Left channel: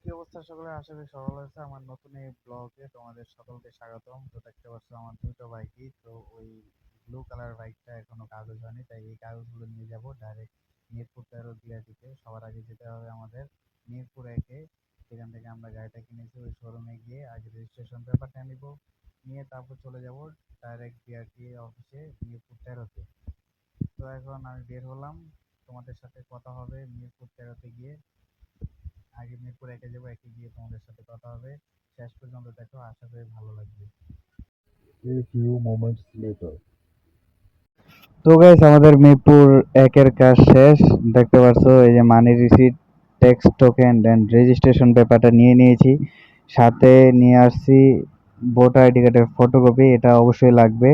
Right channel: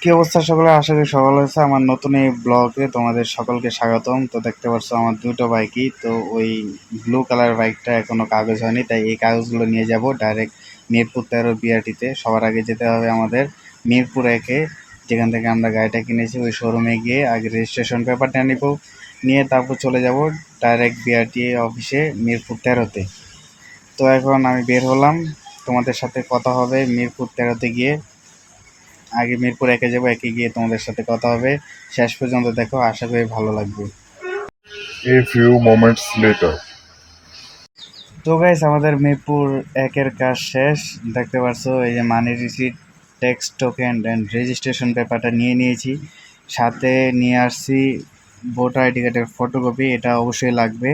কি অবস্থা সকলে? আশা করি সকল হয়েছে আমার নতুন এই ব্লগে তোমাদের সকলকে স্বাগতম। তো দেখতে পাচ্ছ আমার দুটো বাইকই, তো ওই ব্লু কালার বাইকটা এখনো কাগজ হয়নি, তাই এই কাগজগুলো নিয়ে যাব ডাইরেক্ট মিরপুর 13 বিআরটিতে। সবার আগে যেতে হবে আমাদের মিরপুর 1-এ, যেখান থেকে আমরা গাড়িটা কিনেছি ওই শোরুমে গিয়ে আগে রেজিস্ট্রেশন পেপারটা নিব, নিয়ে তারপর চলে যাব ডাইরেক্ট বিআরটি অফিসে মিরপুর 13-তে। তো এখন আমি বের হলাম, তোমাদের সাথে কথা হবে মিরপুর 13-তে গিয়ে। আগে মিরপুর 1-এ যাবো, 1-এ গিয়ে তোমাদের সাথে কথা হবে। শেষ পর্যন্ত দেখো, আশা করি ভালো লাগবে। A few moments later. তো গাইস, আমাদের মিরপুর 1-এর কাজ শেষ। দেখতে পাচ্ছ এই যে money receipt, tax token and registration পেপারটা নিয়ে নিয়েছি, সাথে নিয়ে আসছি ভোটার আইডি কার্ডের ফটোকপি, এটা অবশ্যই লাগবে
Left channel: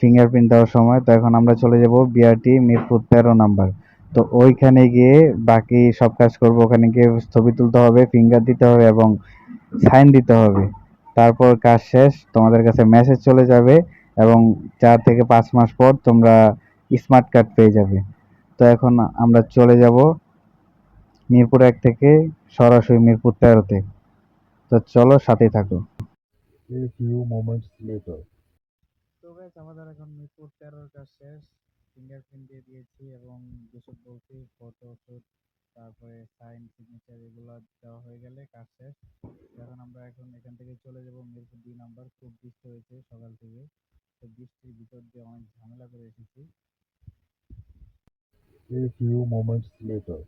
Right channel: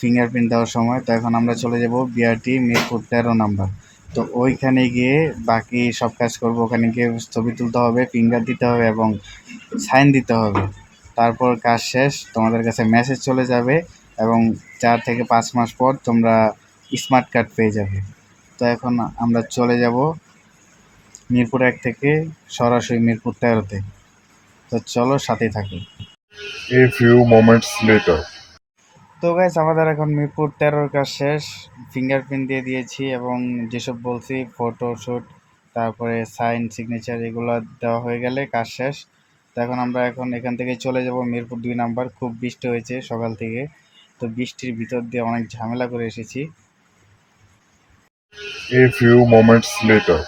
ফিঙ্গারপ্রিন্ট দেওয়ার সময়। তো এখন আমরা চলে যাব বিআরটি মিরপুর 13 নাম্বার। তো ওইখানে গিয়ে বাকি সব কাজ করব। ওখানে গিয়ে ছবি তুলতে হবে, ফিঙ্গার দিতে হবে এবং সাইন দিতে হবে। তারপর কাজ শেষ, তোমাদের কাছে মেসেজ চলে যাবে এবং 4 থেকে 5 মাস পর তোমরা স্মার্ট কার্ড পেয়ে যাবে। তো এখন আমরা চলে যাব মিরপুর 1 থেকে সরাসরি মিরপুর 13-তে। তো চলো, সাথেই থাকো। A few moments later. তো গাইস, আমাদের এখন মিরপুর 13-র কাজ শেষ। ফিঙ্গারপ্রিন্ট দিয়ে দিয়েছি এবং যেসব বলছি ফটোশ্যুট, তারপরে সাইন, সিগনেচার, এগুলো দেওয়া হয়ে গেলে কাজ শেষ। তো এখন আমরা এখান থেকে চলে যাব মিরপুর 2 নাম্বার। খুব বৃষ্টি হয়েছে সকাল থেকে, তো বৃষ্টির ভিতর দিয়ে অনেক ঝামেলা করে এসেছি। A few moments later.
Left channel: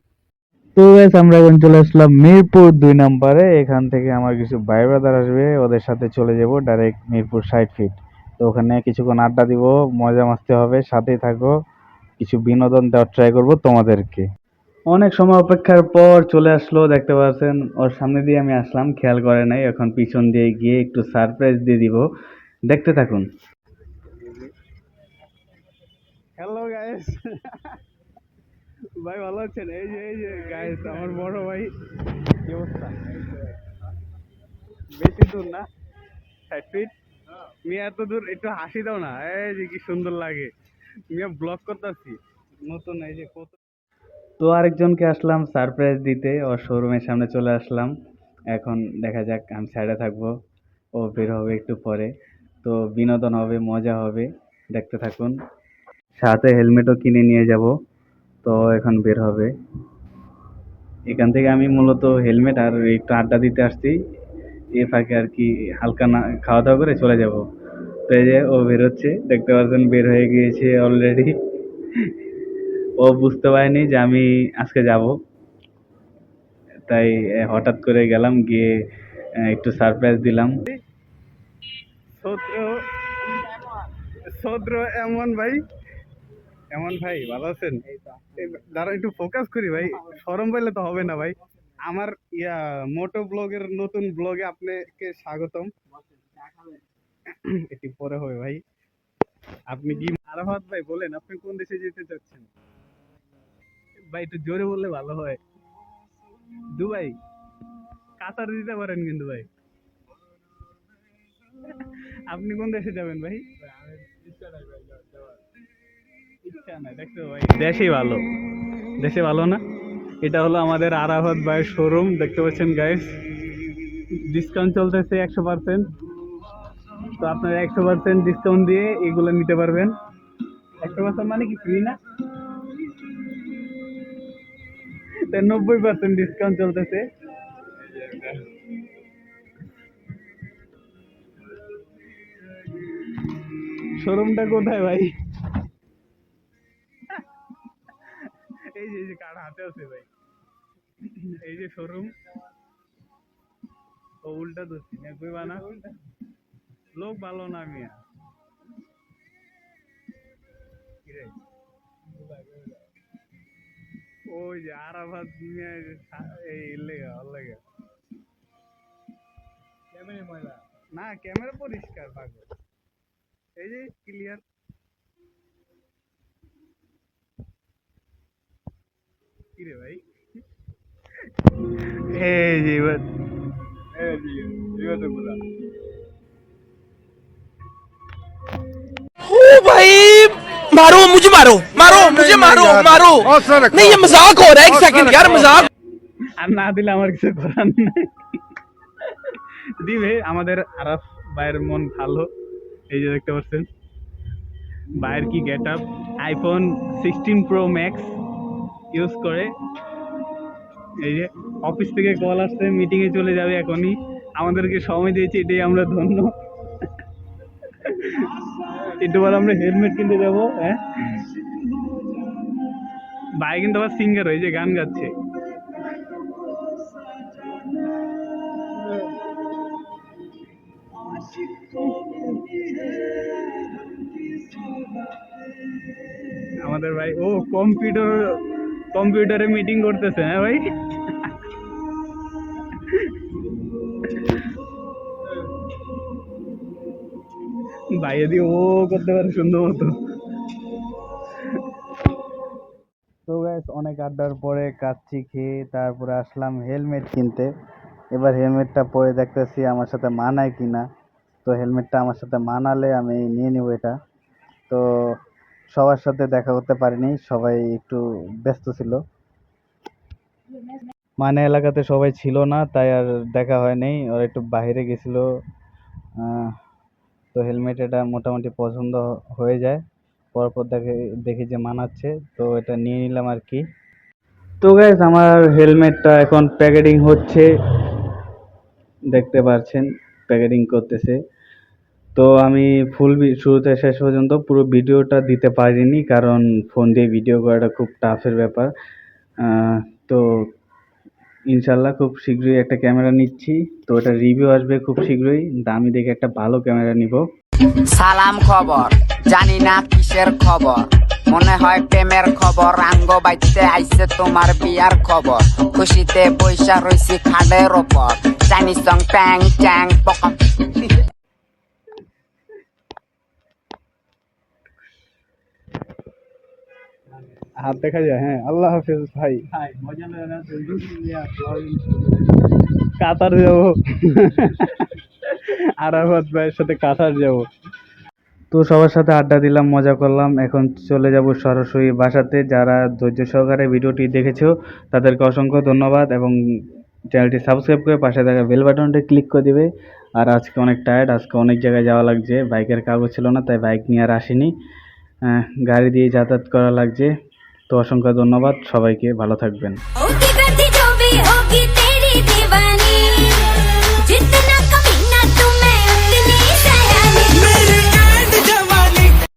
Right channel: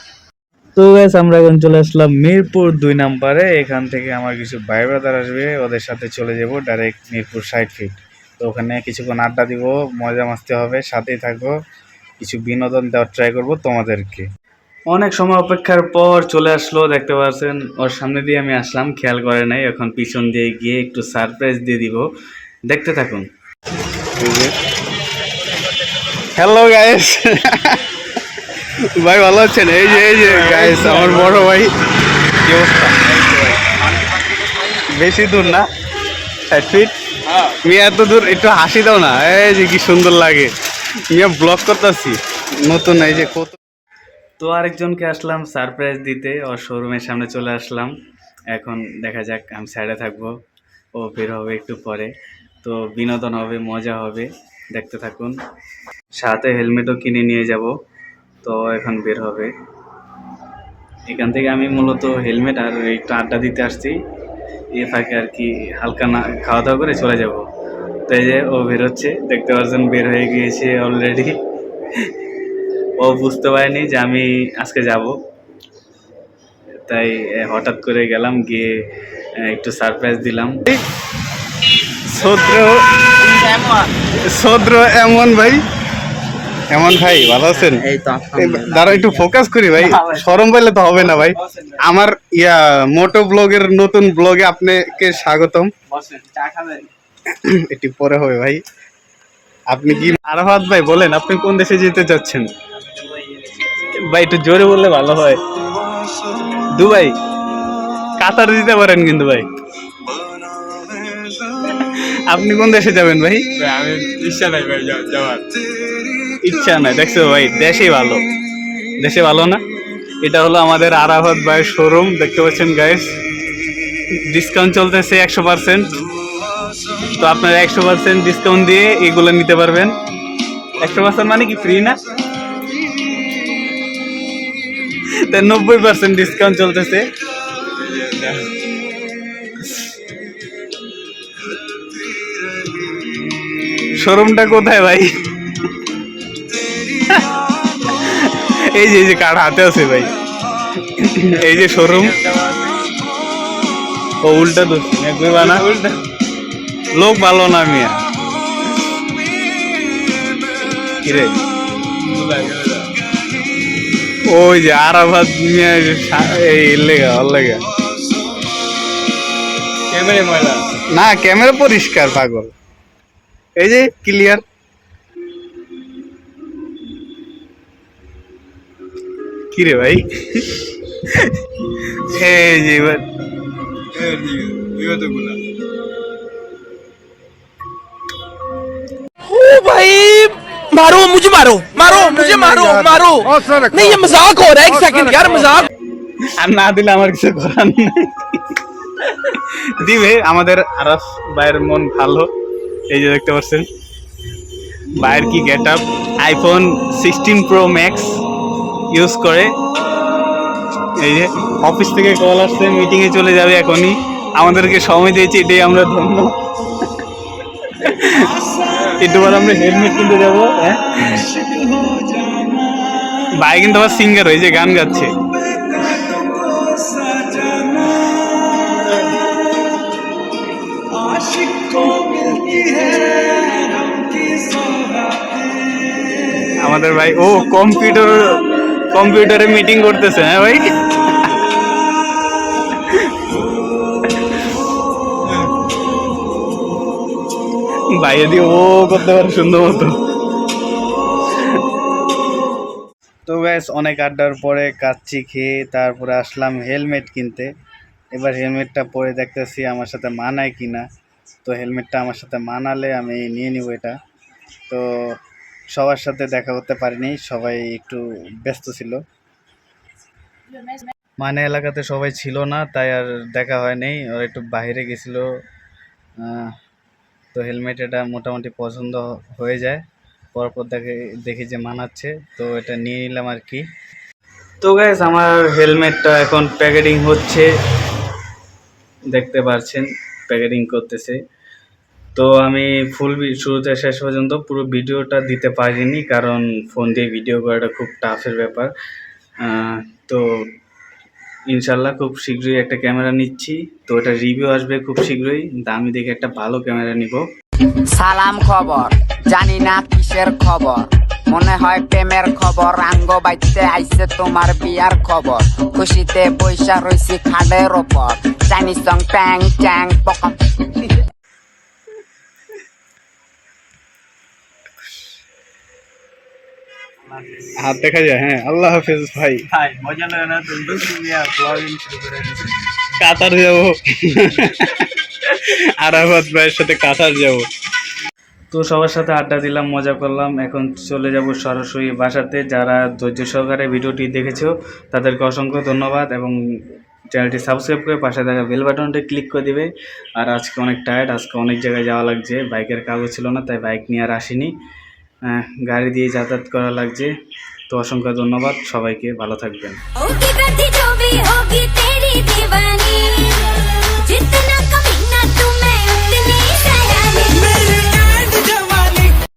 তো গাইস, আমরা এখন চলে আসলাম মিরপুর 2 নাম্বারে। এখান থেকে আমার কিছু ভাই ব্রাদার আসবে, ওদের সাথে চলে যাব ডাইরেক্ট মিরপুর 60 ফিট। তো ওখানে কিছুক্ষণ আড্ডা দিব, মজা মাস্তি হবে, সাথেই থাকো। কিছু বিনোদন দেওয়ার ট্রাই করব তোমাদেরকে। অনেক সময় অপেক্ষার পর চলে আসলো, দেখতে পাচ্ছেন ওর সামনে দিয়ে আমি আসলাম, খেয়াল করে নাই। এখন পিছন দিয়ে গিয়ে একটু সারপ্রাইজ দিয়ে দিব, দেখতে থাকুন। হ্যালো গাইস, ভাই ভালো আছেন? এই যে গাইস, আমার বড় ভাই। কি অবস্থা? বেশি দূর না, 60 ফিট। তুমি এত দূর, একটু হাসি দাও না। এই যে কি সুন্দর লাগে, মিয়া ব্লগ করতেছি নতুন, এই যে কত। তো আরেকজনকে আসলাম সারপ্রাইজ দিতে, ওর শোরুমের সামনে চলে আসলাম। এখন দেখা যাক, আমি সাইডে থাকবো, ও বের হবে একটু পরে। তো বিনোদন হবে, মজা হবে, দেখতে থাকুন। সাথে হেলমেটও কিনে নিয়ে যাব। তো এখন বের হবে এখান থেকে। আমি মূলত হেলমেট আর একটু আড্ডা দিতে আসছি, এ ফাঁকে আর কি হালকা না খাওয়া দাওয়া করে চলে যাব। তো এই যে ও বেরোচ্ছে, দেখতে পাচ্ছেন বের হয়ে গিয়েছে অলরেডি। ও বুঝতে পারেনি যে আমি আজকে যাব, তাই হঠাৎ করে গেলাম, গিয়ে একটু সারপ্রাইজ দিলাম। সদ্র সদ্র এমন ভাই, এমন ভাই ভালো আছেন? দাঁড়া একটু ফোকাস করি ভাই, শরম পাইলে তো হবে না ভাই। আমার মোটো ব্লগের নতুন ব্লগে আপনাকে স্বাগতম। একটু পরে হবে ভাই। আপনি কি আরাফাত ভাই বলেন, আপনি কোন দেশে যেতে চাচ্ছেন ভাই? একটু জোরে বললে ভালো হয়। দুবাই, কাতার দিতে পারেন কিন্তু ভাই। আপনি কোন দেশে যাবেন ভাই? আমি ইচ্ছা নাই ভাই যাওয়ার। ইচ্ছা নাই? দেখছো ভাই, দেশেই ভালো, দেশে ভালো না? এটা হলো আমাদের আরাফাত ভাইয়ের শোরুম, দেখতে পাচ্ছেন গাইস। ডিসকাউন্ট চলতেছে 100%। তো আপনারা 100% ডিসকাউন্ট দিয়ে এগুলো নিতে পারবেন। 100% মানে কি ফ্রি না? 90% ডিসকাউন্ট চলতেছে। শোরুমটা কোথায় ভাই? এই যে কার্ড হাতে আছে ভাই, এই যে শোরুম। ও উল্টা তো বানা, লোক ভালো না মিয়া। কিরে, ওই যে আরাফাত মিয়া, এই লেগা ওর লেগা ক্যামেরা ময়লা না, ক্যামেরা পরিষ্কার পাগল, এই যে ক্লিয়ার। কিরে ভাই, এই যে এবার বিগতগুলা। ओ भाई, मारो मुझे, मारो मारो मुझे, मारो मारो। नहीं, ये मजाक हो रहा है, एक सेकंड यार, मजाक। আর না দিলে আমার কিছু করার নেই। দিবে আমাদের আরাফ ভাইয়ের মন ভালো, এই যে দেখতে পাচ্ছেন ভাইয়ের কি get up, iPhone 16 pro max use করে। এই যে অফিস থেকে কল আসছে, মিটিংয়ে চলে যাবে এখনই, আমাদেরকে সময় দিয়েছে, এটাই আমরা ধন্য। একটু পর আমরা হেলমেট কিনতে যাবো। হ্যাঁ ভাই কিন্তু আবার সিঙ্গার হয়েছে, গান গাচ্ছে। আমাদের ভাই ও কম্পিউটারে মিটিং করতেছে। হ্যাঁ ভাই, ভাইয়া দিয়ে ও করতে পারে সুন্দর মতো। তো ব্যাস অনেক আড্ডার পরে কাচ্চি খেয়ে তারপরে আসলাম হেলমেট কিনতে। এবার হেলমেটটা পরে দেখতেছি আমার সাথে মানায় কি না। তো হেলমেটটা আমার সাথে মানালে আমি নিয়ে নিব এটা। তো সবার সাথে দেখা করতে পারিনি, সবাই একটু ব্যস্ত ছিল, মানে এলাকাতে সবাই ছিল না, তাই আর দেখা হয়নি। ওরা একটু বাইরে গেছিল। তো হেলমেট এটা মোটামুটি পছন্দ হয়ে যায়, পরপর দেখি যে মানাচ্ছে, তো এটা নিয়ে নিলাম আর কি। তো গাইস আমার হেলমেটটা এখন প্যাকেটিং হচ্ছে, দেখতে পাচ্ছেন প্যাকেটিং করতেছে। তো আমি ফুল শুরুতে শেষ পর্যন্ত পুরো ভিডিওটা দিতে পারিনি, কারণ ফোন দিয়ে ভিডিও করাটা খুব টাফের ব্যাপার। তো ইনশাল্লাহ খুব শীঘ্রই একটা ক্যামেরা নিচ্ছি, তো এটা রিভিউ আসবে খুব শীঘ্রই, দামি দেখে একটা ভালো ক্যামেরা নিব। সালাম খবর, জানি না কিসের খবর, মনে হয় প্রেমের খবর, আঙ্গ বাইতে আইছে তোমার বিয়ার খবর, খুশিতে বৈশা রইছি খাটের ওপর, চাইনিজ সং ট্যাং ট্যাং পকম। হাত দেখা যায়। হ্যাঁ আল্লাহ হাফেজ ভাই। মজা লাগে না তো কাতার যাবো, আরাফাত ভাইয়ের সাথে কাতার যাব। তো সবার সাথে আড্ডা দিলাম, মজা করলাম, এখন চলে যাব সরাসরি বাসাতে। যারা ধৈর্য সহকারে ভিডিওটি দেখেছো তাদেরকে অসংখ্য ধন্যবাদ, এবং চ্যানেলটি সাবস্ক্রাইব করে পাশে থাকা বেল বাটনটি ক্লিক করে দিবে। আর আজকে অনেক টায়ার্ড, আজকে অনেক জায়গায় যাওয়া লাগছে, বাইকের কাগজ ছিল না তাই বাইক নিয়ে আর আসিনি, গাড়ি দিয়ে যাতায়াত করা লাগছে। তো অসংখ্য ধন্যবাদ সবাইকে, ভালো থাকবেন।